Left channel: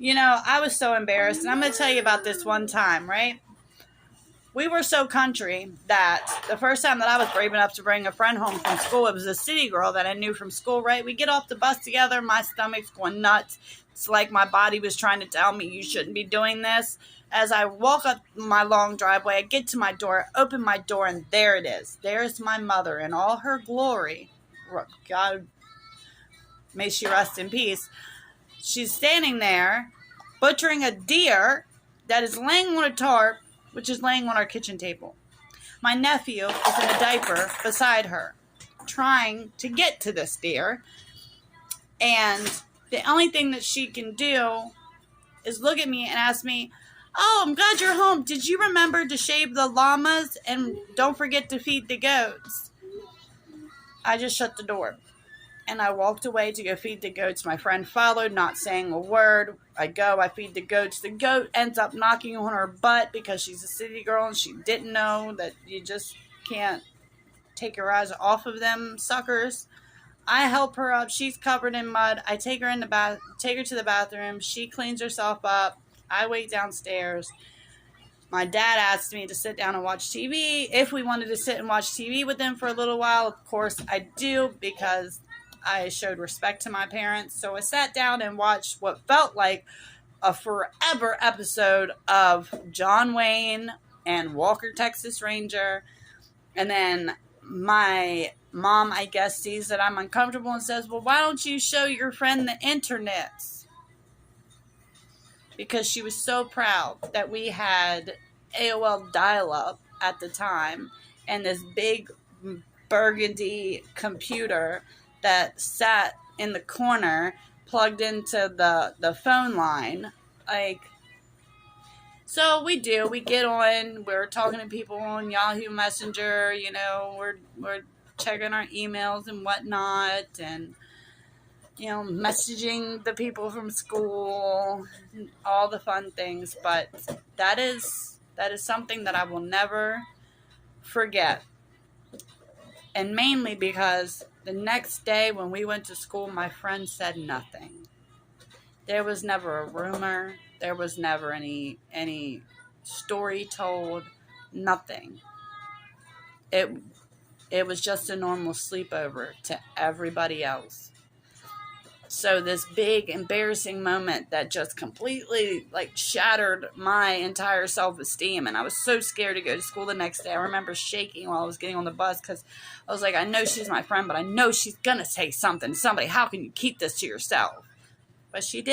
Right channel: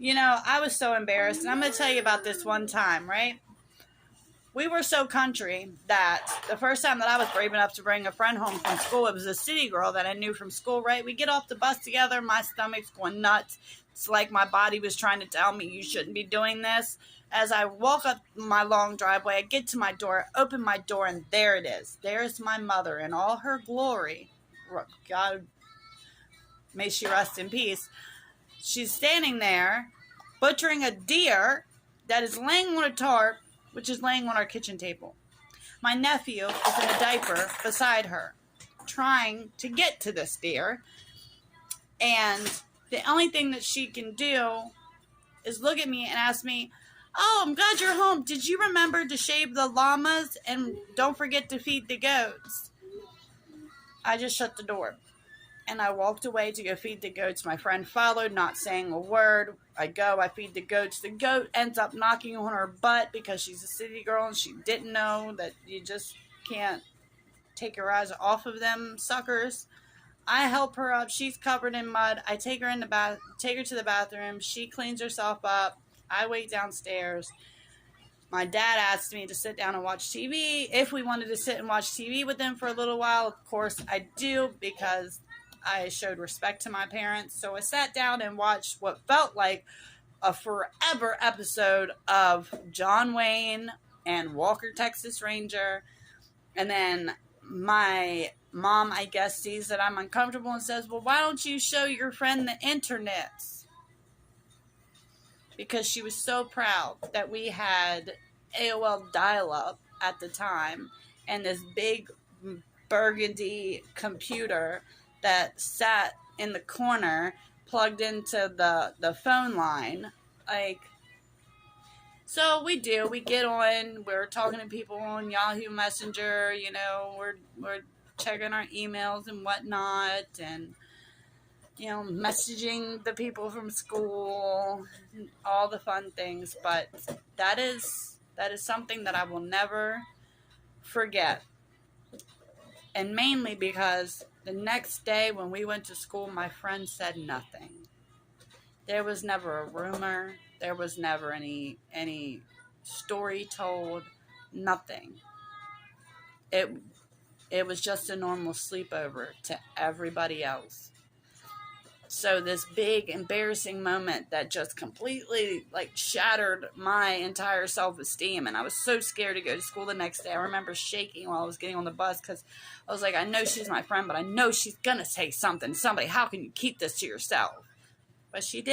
I was so embarrassed. And I'm going to tell you about this one time, right? We were so country that the first time that I was brave enough to bring a friend home from school, it was a city girl that I knew from school, right? We get off the bus together. My stomach's going nuts. It's like my body was trying to tell me you shouldn't be doing this. As I walk up my long driveway, I get to my door, open my door, and there it is. There's my mother in all her glory. God, may she rest in peace. She's standing there butchering a deer that is laying on a tarp, which is laying on our kitchen table. My nephew is in a diaper beside her, trying to get to this deer. And the only thing that she can do is look at me and ask me, "Oh, I'm glad you're home. Did you remember to shave the llamas and don't forget to feed the goats?" I just shut the door. And I walked away to go feed the goats. My friend followed, not saying a word. I go, I feed the goats. The goat ends up knocking on her butt because she's a city girl and she didn't know that you just can't take your eyes off of them suckers. I help her up. She's covered in mud. I take her to the bathroom. She cleans herself up. I wait downstairs. My dad asked me to sit down and watch TV. If we wanted to sit and watch TV with them for a little while, of course I do, because I showed respect to my parents. So I sat down and watched what felt like a forever episode of John Wayne and Walker, Texas Ranger. And then my mom, I guess, sees that I'm uncomfortable and says, "Well, why don't you show your friend the internet?" Because she was so proud that we had AOL dial-up at the time and this big burgundy computer that sat in the corner plugged into the phone line. So we get on, we're talking to people on Yahoo Messenger, we're checking our emails and whatnot, and messaging the people from school, all the fun things. But that is something that I will never forget. And mainly because the next day when we went to school, my friend said nothing. There was never a rumor. There was never any story told. Nothing. It was just a normal sleepover to everybody else. So this big embarrassing moment that just completely shattered my entire self-esteem, and I was so scared to go to school the next day. I remember shaking while I was getting on the bus because I was like, I know she's my friend, but I know she's gonna say something to somebody. How can you keep this to yourself? But she did.